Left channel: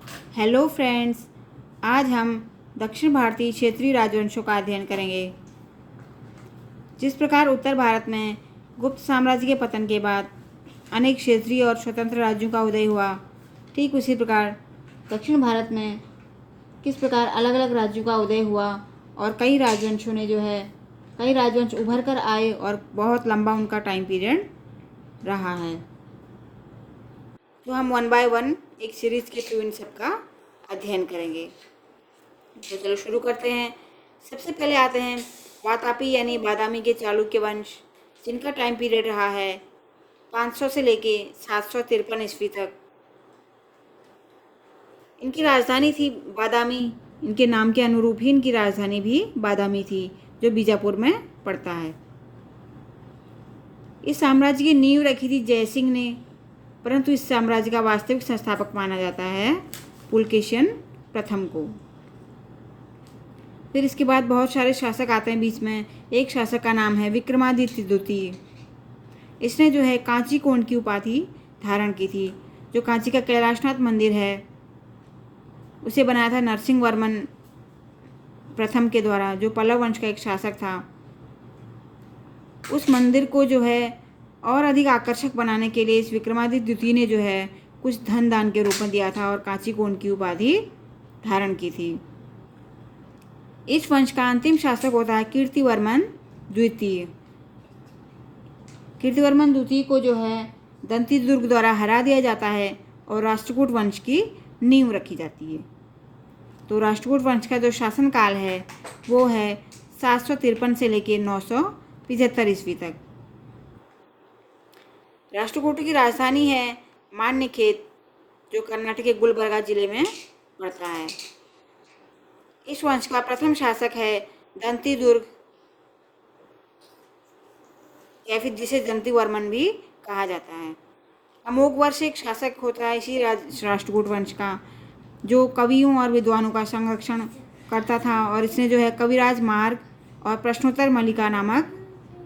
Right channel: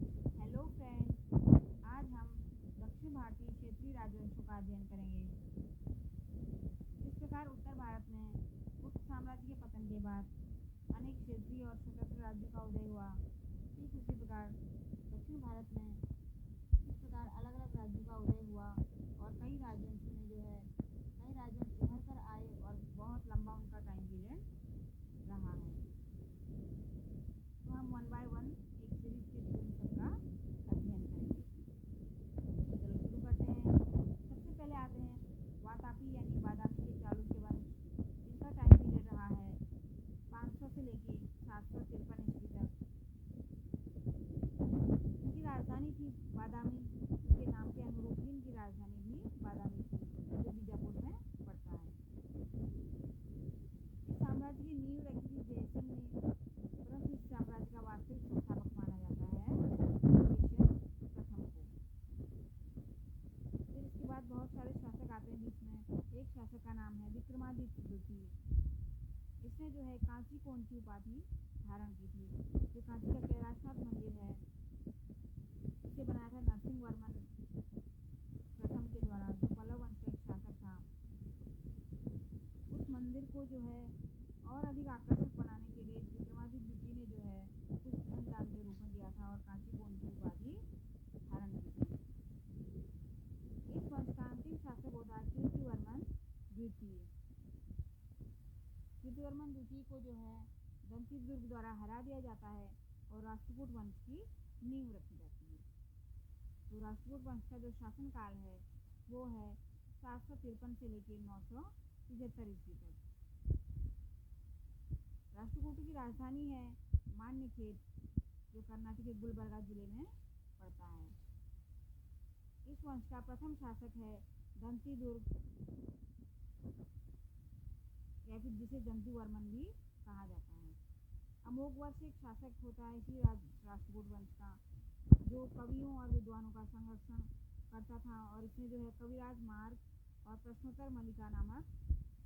Hello friends, आज हम दक्षिण भारतीय क्षेत्रीय राजवंशों का अध्ययन करेंगे। जिस प्रकार उत्तर भारत में गुप्त साम्राज्य के पतन के बाद अनेक क्षेत्रीय और स्वतंत्र राज्यों का उदय हुआ, ठीक उसी प्रकार दक्षिण भारत में किस प्रकार अलग अलग राज्यों का उदय हुआ और कई राजवंशों ने कई राजवंश उभर कर आए और बहुत लंबा उनका टाइम पीरियड रहा है। तो हम वन बाय वन एक सीरीज के थ्रू इन सब का अध्ययन करेंगे। तो चलो शुरू करते हैं। सबसे पहले आते हैं वातापी यानी बादामी के चालुक्य वंश, जिनका टाइम पीरियड रहा है 500 से लेके 753 ईस्वी तक। इनकी राजधानी थी बादामी। इनके नाम के अनुरूप ही इनकी राजधानी भी बादामी थी, जो बीजापुर में पड़ता है। इस साम्राज्य की नींव रखी थी जयसिंह ने, परंतु इस साम्राज्य का वास्तविक संस्थापक माना जाता है पुलकेशिन प्रथम को। फिर इसके बाद बहुत सारे शासक आते हैं बीच में। एक शासक का नाम है विक्रमादित्य द्वितीय। इसने कांची कोण की उपाधि धारण की थी। जो कांची का कैलाशनाथ मंदिर है उसे बनाया था नरसिंह वर्मन प्रथम के द्वारा, जो पल्लव वंश का एक शासक था। उस मंदिर को और अधिक आकर्षक बनाने के लिए इस विक्रमादित्य द्वितीय ने कुछ धन दान के रूप में दिया था और कांची कोण की उपाधि धारण की थी। इस वंश का अंतिम शासक होता है कीर्तिवर्मन द्वितीय। कीर्तिवर्मन द्वितीय को दंती दुर्ग द्वारा हरा दिया जाता है और राष्ट्रकूट वंश की नींव रखी जाती है। तो राष्ट्रकूट वंश का जो शासनकाल है वो है 753 से लेकर 975 ईस्वी तक। राष्ट्रकूट की राजधानी है मान्यखेत, जो कर्नाटक के गुलबर्गा जिले में पड़ता है। इस वंश का प्रथम शासक है दंती दुर्ग, या फिर जिसे दंती वर्मन भी कहा जाता है। अमोघ वर्ष एक शासक होता है इसी राष्ट्रकूट वंश का, जो कवियों और विद्वानों का संरक्षण करता था। और इसने कविराज मार्ग और प्रश्नोत्तर मल्लिका नामक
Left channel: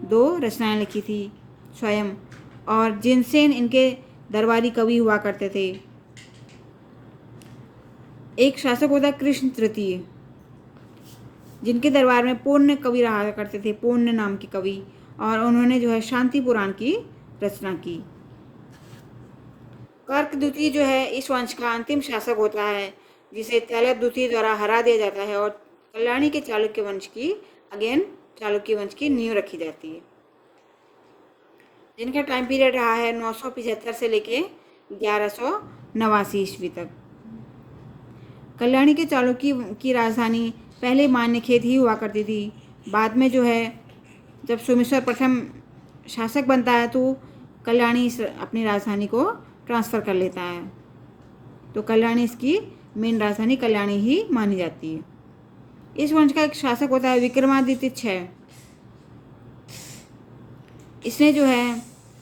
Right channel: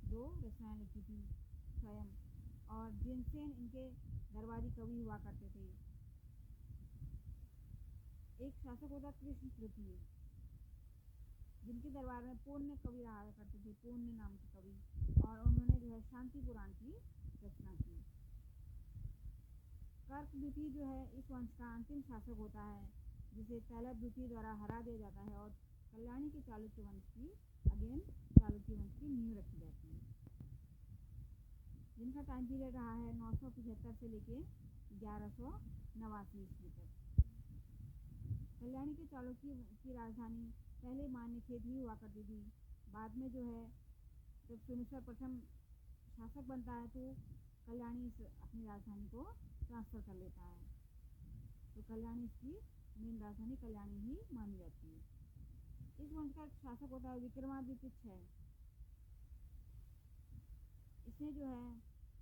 2 रचनाएं लिखी थी स्वयं, और जिनसे इनके दरबारी कवि हुआ करते थे। एक शासक होता है कृष्ण तृतीय, जिनके दरबार में पूर्ण कवि रहा करते थे, पूर्ण नाम के कवि, और उन्होंने शांति पुराण की रचना की। कर्क द्वितीय इस वंश का अंतिम शासक होता है, जिसे तैलप द्वितीय द्वारा हरा दिया जाता है और कल्याणी के चालुक्य वंश की नींव रखी जाती है, जिनका टाइम पीरियड रहा है 975 से लेके 1189 ईस्वी तक। कल्याणी के चालुक्य की राजधानी पहले मान्यखेत ही हुआ करती थी। बाद में जब सोमेश्वर प्रथम शासक बनता है तो कल्याणी अपनी राजधानी को ट्रांसफ़र कर लेता है। तो कल्याणी इसकी मेन राजधानी कल्याणी ही मानी जाती है। इस वंश का एक शासक होता है विक्रमादित्य 6। इसने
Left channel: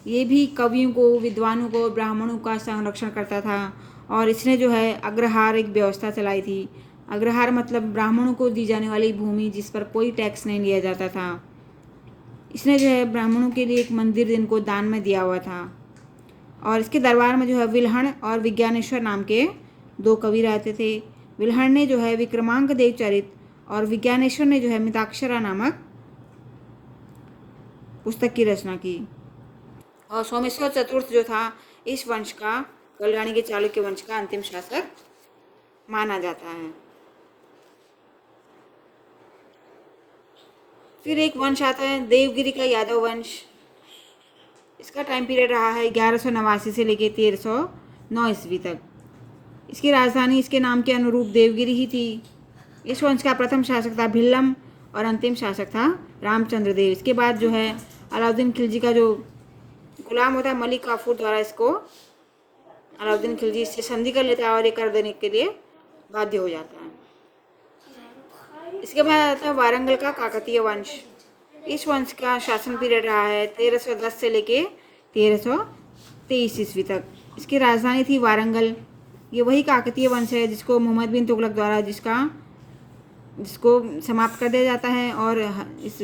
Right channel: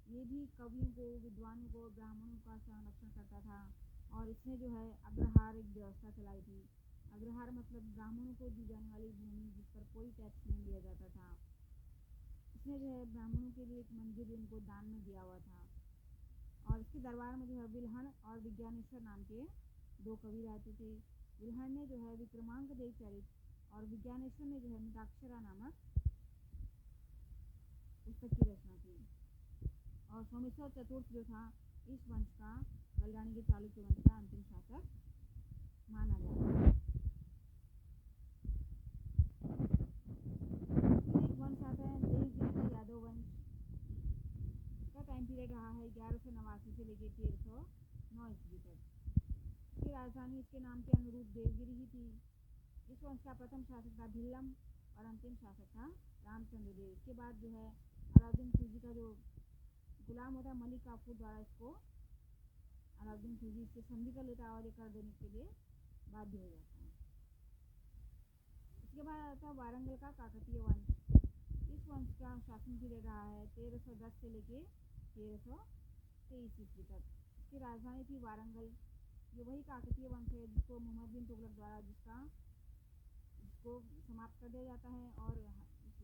ये भी कवियों को, विद्वानों को, ब्राह्मणों का संरक्षण करता था। और इसने अग्रहार एक व्यवस्था चलाई थी। अग्रहार मतलब ब्राह्मणों को दी जाने वाली भूमि जिस पर कोई टैक्स नहीं लिया जाता था। इसने ब्राह्मणों के लिए एक मंदिर इनको दान में दिया हुआ था। और इसके दरबार में विल्हण और विज्ञानेश्वर नाम के 2 कवि रहते थे। विल्हण ने विक्रमांक देव चरित और विज्ञानेश्वर ने मिताक्षरा नामक पुस्तक की रचना की। और सोमेश्वर चतुर्थ था इस वंश का, कल्याणी के चालुक्य वंश का अंतिम शासक माना जाता है। फिर एक वंश आता है देवगिरी का यादव वंश। इसका टाइम पीरियड रहा है 1189 से लेकर 1309 ईस्वी तक। इसकी राजधानी इसके नाम के अनुरूप देवगिरी ही थी। इस वंश का प्रथम शासक था भिल्लम और अंतिम शासक था रामचंद्र देव। इसके बाद अलाउद्दीन खिलजी का जो गुलाम होता है मलिक काफूर द्वारा इसको अलाउद्दीन खिलजी इससे संधि कर लेता है और ये कर देने के लिए बाध्य हो जाता है। इसके बाद आता है वारंगल का काकतीय वंश। इस वंश का शासन पीरियड रहा है 1310 से लेके 1323 ईस्वी तक। इसकी राजधानी थी वारंगल। ये वही काकतीय वंश है जिसको मोहम्मद बिन तुगलक द्वारा जिसको समाप्त कर दिया जाता है। और इस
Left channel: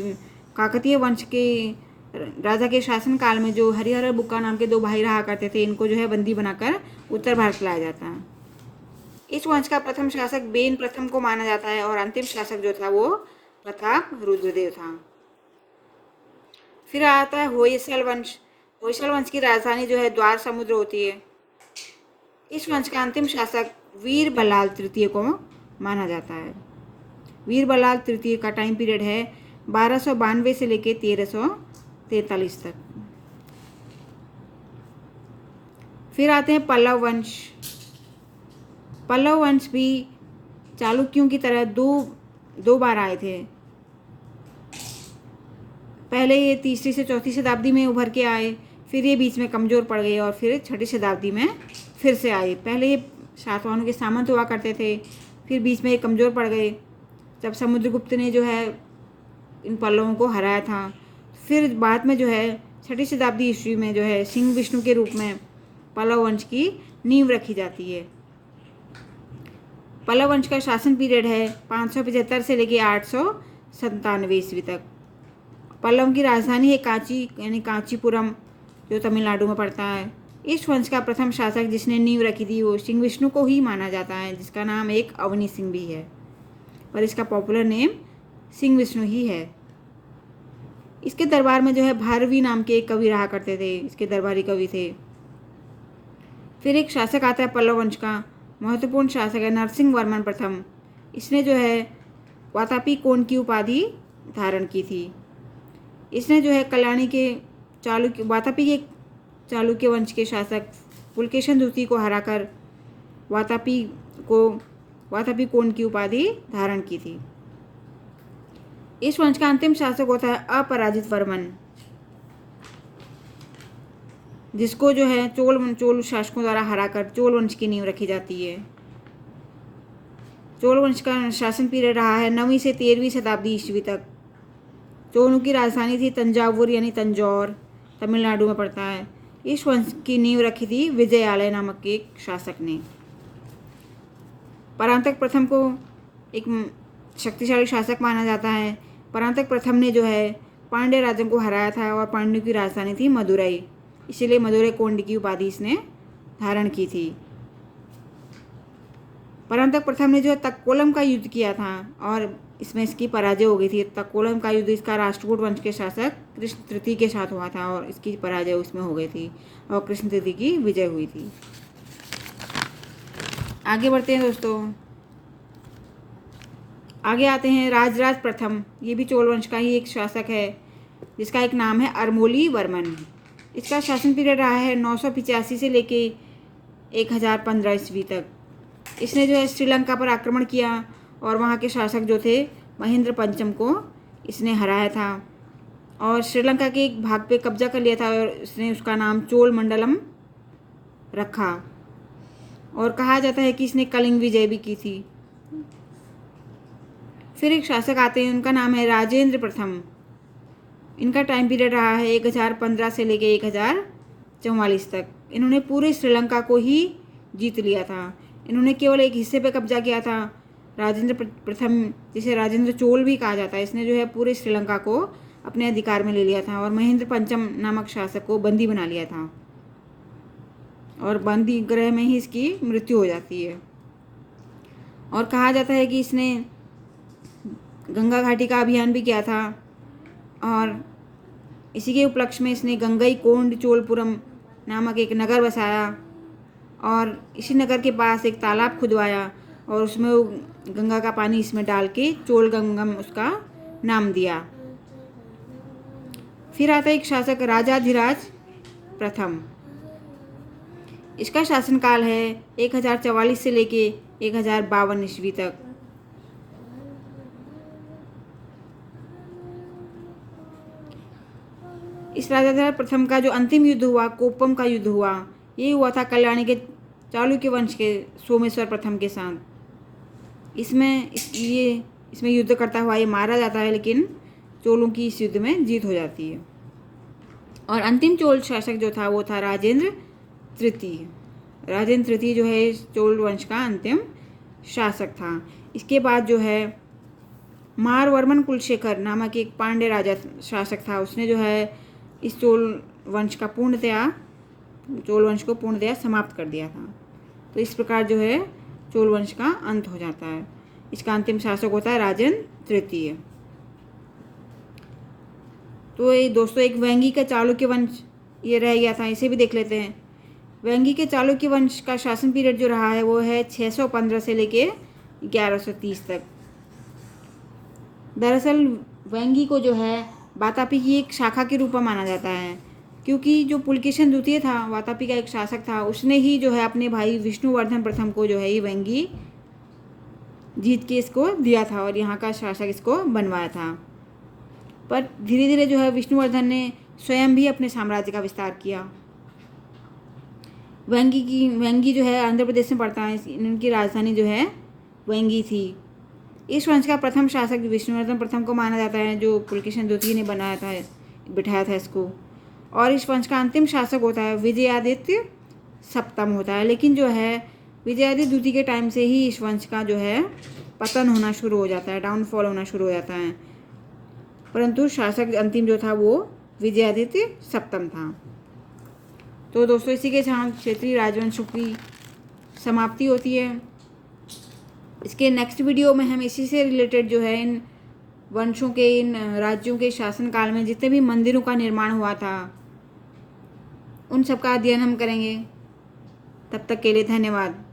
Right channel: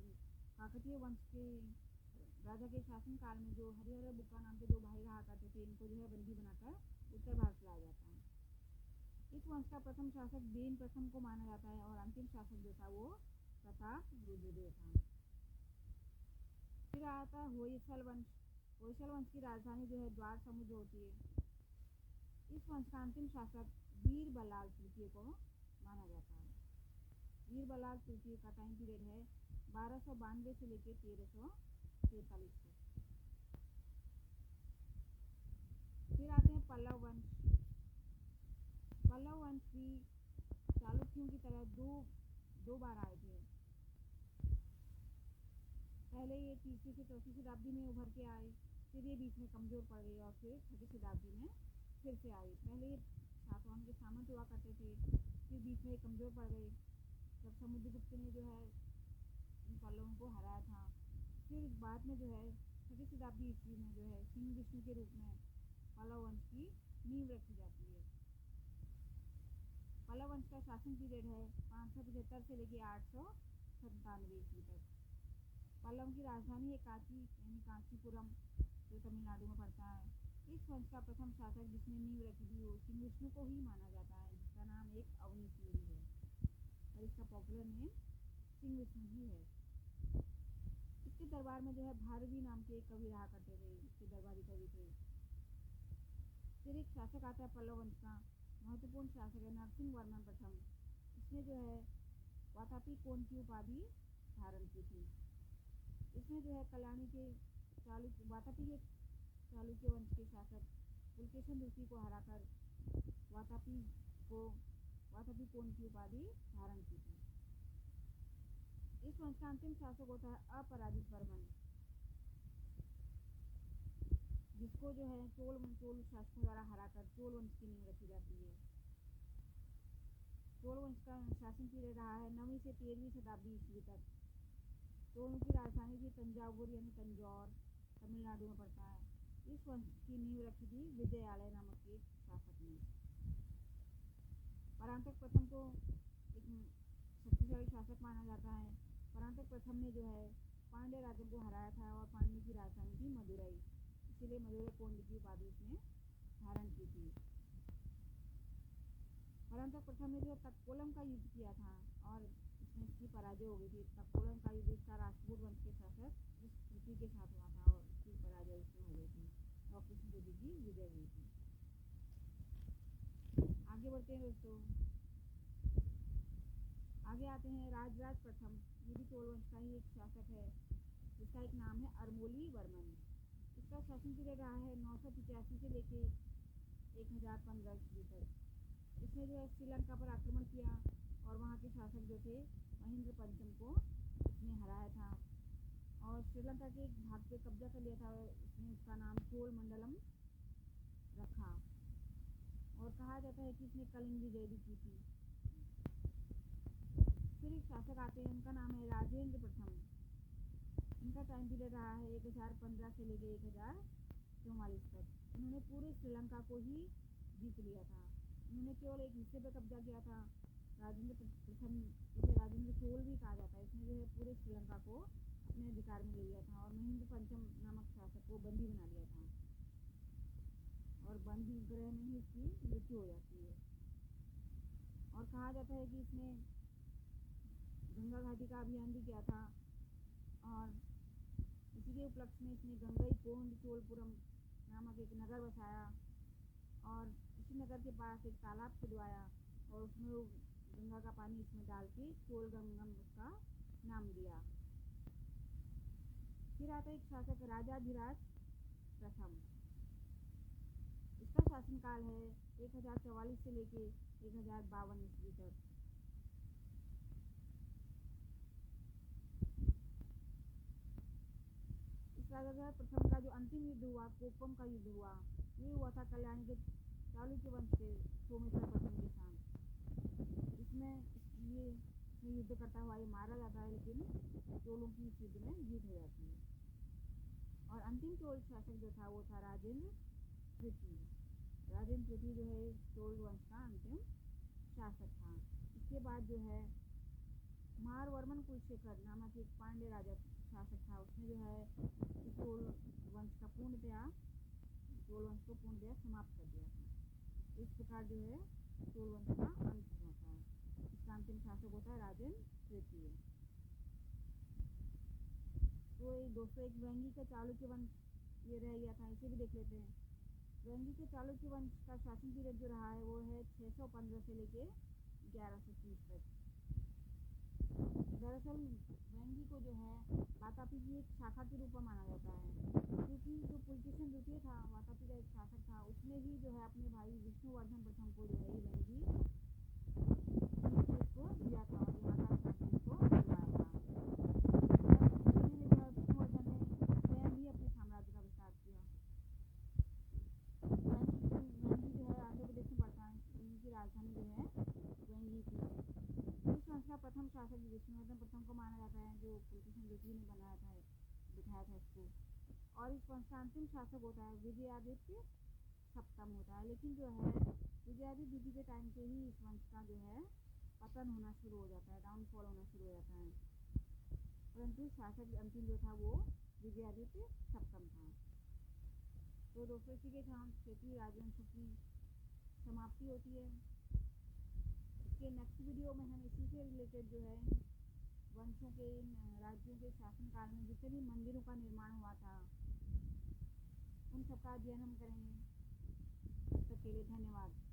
काकतीय वंश के राजा के शासनकाल में जो हरिहर बुक्का नाम के 2 भाई रहा करते थे, इनको बंदी बनाकर उत्तर भारत लाया जाता है। इस वंश का प्रथम शासक बेन प्रथम को माना जाता है और अंतिम शासक जो था वो प्रताप रुद्रदेव था। फिर आता है होयसल वंश। होयसल वंश की राजधानी जो है द्वार समुद्र होती है। इस वंश का अंतिम शासक वीर बल्लाल तृतीय को माना जाता है। वीर बल्लाल तृतीय का टाइम पीरियड है 1292 से लेकर 1343 तक। फिर आते हैं पल्लव वंश। पल्लव वंश भी चालुक्यों की तरह दो बार आए थे। पहले ये तीसरी से चौथी शताब्दी में उभर के आए, फिर ये बीच में कमज़ोर पड़ गए और फिर छठी शताब्दी में फिर से आए। पहले ये सातवाहनों के सामंत हुआ करते थे, फिर बीच में ये कमज़ोर पड़ गए जब समुद्रगुप्त ने जो है इन पल्लवों को हराया था। फिर बाद में जो है छठी शताब्दी ईस्वी में जो है सिंह विष्णु के रूप में पल्लव वंश की नींव रखी जाती है। पल्लव वंश का शासन पीरियड है 575 से लेकर 897 ईस्वी तक। पल्लव की राजधानी है कांची यानी कांचीपुरम, जो तमिलनाडु में पड़ता है। इस वंश का प्रथम शासक जिसने नींव रखी थी वो सिंह विष्णु को ही माना जाता है, जिसका नाम एक अवनी सिंह भी है, पर इसका पॉपुलर नेम सिंह विष्णु ही है। इसके दरबार में जो है भारवी नाम के एक कवि रहा करते थे, इसके दरबारी कवि थे। फिर एक शासक आता है पल्लव वंश का, महत्वपूर्ण शासक है नरसिंह वर्मन प्रथम। इसने जो है वातापी कोण की उपाधि धारण की थी। इसने जो है कल्याणी के वातापी के चालुक्य वंश के शासक पुलकेशन द्वितीय को हराकर वातापी कोण की उपाधि धारण की थी। इस वंश का अंतिम शासक होता है अपराजित वर्मन, जिसको जो है चोल शासकों द्वारा हराकर चोल वंश की नींव रखी जाती है। चोल वंश का शासन पीरियड रहा है 9वीं से 13वीं शताब्दी ईस्वी तक। चोलों की राजधानी थी तंजावुर यानी तंजौर, तमिलनाडु में पड़ता है। इस वंश की नींव रखी थी विजयालय नामक एक शासक ने। परांतक प्रथम को एक शक्तिशाली शासक माना जाता है। परांतक प्रथम ने जो है पांड्य राज्यों को हराया था और पांड्यों की राजधानी थी मदुरई, इसीलिए मदुरई कोंड की उपाधि इसने धारण की थी। परांतक प्रथम ने जो है तक्कोलम का युद्ध किया था और इसमें इसकी पराजय हो गई थी। तक्कोलम का युद्ध इसका राष्ट्रकूट वंश के शासक कृष्ण तृतीय के साथ हुआ था और इसकी पराजय उसमें हो गई थी और कृष्ण तृतीय की विजय हुई थी। आगे बढ़ते हैं दोस्तों, आगे आते हैं राजराज प्रथम। ये भी चोल वंश का ही एक शासक है, जिसका एक नाम है अरमोली वर्मन। इसका शासन पीरियड रहा है 985 से लेके 1015 ईस्वी तक। इसने जो है श्रीलंका पर आक्रमण किया और वहाँ के शासक जो थे महेंद्र पंचम को इसने हराया था और श्रीलंका के एक भाग पे कब्जा कर लिया था और इसने उसका नाम चोल मंडलम रखा और कहा जाता है कि इसने कलिंग विजय भी की थी। फिर एक शासक आते हैं, उनका नाम है राजेंद्र प्रथम। इनका टाइम पीरियड रहा है 1015 से लेके 1044 तक। इन्होंने पूरे श्रीलंका को ही जीत लिया था, इन्होंने केवल एक हिस्से पे कब्जा किया था। राजेंद्र प्रथम, जिसे राजेंद्र चोल भी कहा जाता है, इसने जो है पूरे श्रीलंका को अपने अधिकार में ले लिया था और महेंद्र पंचम नामक शासक को बंदी बना लिया था और बंदी गृह में ही इसकी मृत्यु हो जाती है। और कहा जाता है कि इसने गंगा घाटी का अभियान भी किया था और इसी के उपलक्ष्य में इसने गंगई कोंड चोलपुरम नामक एक नगर बसाया और इसी नगर के पास एक तालाब खुदवाया और उसमें वो गंगा का पानी इसमें डाल के चोल गंगम उसका नाम दिया। फिर आता है एक शासक राजाधिराज प्रथम। इसका शासनकाल है 1044 से लेके 1052 ईस्वी तक। इस राजाधिराज प्रथम का जो अंतिम युद्ध हुआ, कोप्पम का युद्ध हुआ, ये हुआ था कल्याणी के चालुक्य वंश के सोमेश्वर प्रथम के साथ। इसमें युद्ध करता हुआ ये मारा जाता है, लेकिन चोलों की इस युद्ध में जीत हो जाती है। और अंतिम चोल शासक जो था वो था राजेंद्र तृतीय। राजेंद्र तृतीय जो है चोल वंश का अंतिम शासक था। इसके बाद जो है मारवर्मन कुलशेखर नामक एक पांड्य राजा शासक था, उसने जो है इस चोल वंश को पूर्णतया समाप्त कर दिया था। तो इस प्रकार जो है चोल वंश का अंत हो जाता है। इसका अंतिम शासक होता है राजेंद्र तृतीय। तो ये दोस्तों एक वेंगी का चालुक्य वंश ये रह गया था, इसे भी देख लेते हैं। वेंगी के चालुक्य वंश का शासन पीरियड जो रहा है वो है 615 से लेके 1130 तक। दरअसल वेंगी को जो है वातापी की एक शाखा के रूप में माना जाता है, क्योंकि जो पुलकेशिन द्वितीय था, वातापी का एक शासक था, उसने ही जो है अपने भाई विष्णुवर्धन प्रथम को जो है ये वेंगी जीत के इसको दिया था और यहाँ का शासक इसको बनवाया था। पर धीरे धीरे जो है विष्णुवर्धन ने स्वयं भी अपने साम्राज्य का विस्तार किया। वेंगी जो है आंध्र प्रदेश में पड़ता है, इनकी राजधानी जो है वेंगी थी। इस वंश का प्रथम शासक विष्णुवर्धन प्रथम को माना जाता है, जो पुलकेशिन द्वितीय ने बिठाया था इसको। और इस वंश का अंतिम शासक होता है विजयादित्य सप्तम होता है। लेकिन जो है विजयादित्य द्वितीय के टाइम से ही इस वंश का जो है पतन होना शुरू हो जाता है, डाउनफॉल होना शुरू हो जाता है। परंतु शासक अंतिम जो था वो विजयादित्य सप्तम था। तो दोस्तों इसी के साथ क्षेत्रीय राजवंशों की समाप्ति होती है। इसके नेक्स्ट वीडियो में हम इसी से रिलेटेड जो है इन वंशों के, इन राज्यों के शासनकाल में जितने भी मंदिरों का निर्माण हुआ था उन सब का अध्ययन हम करेंगे। तब तक के लिए धन्यवाद।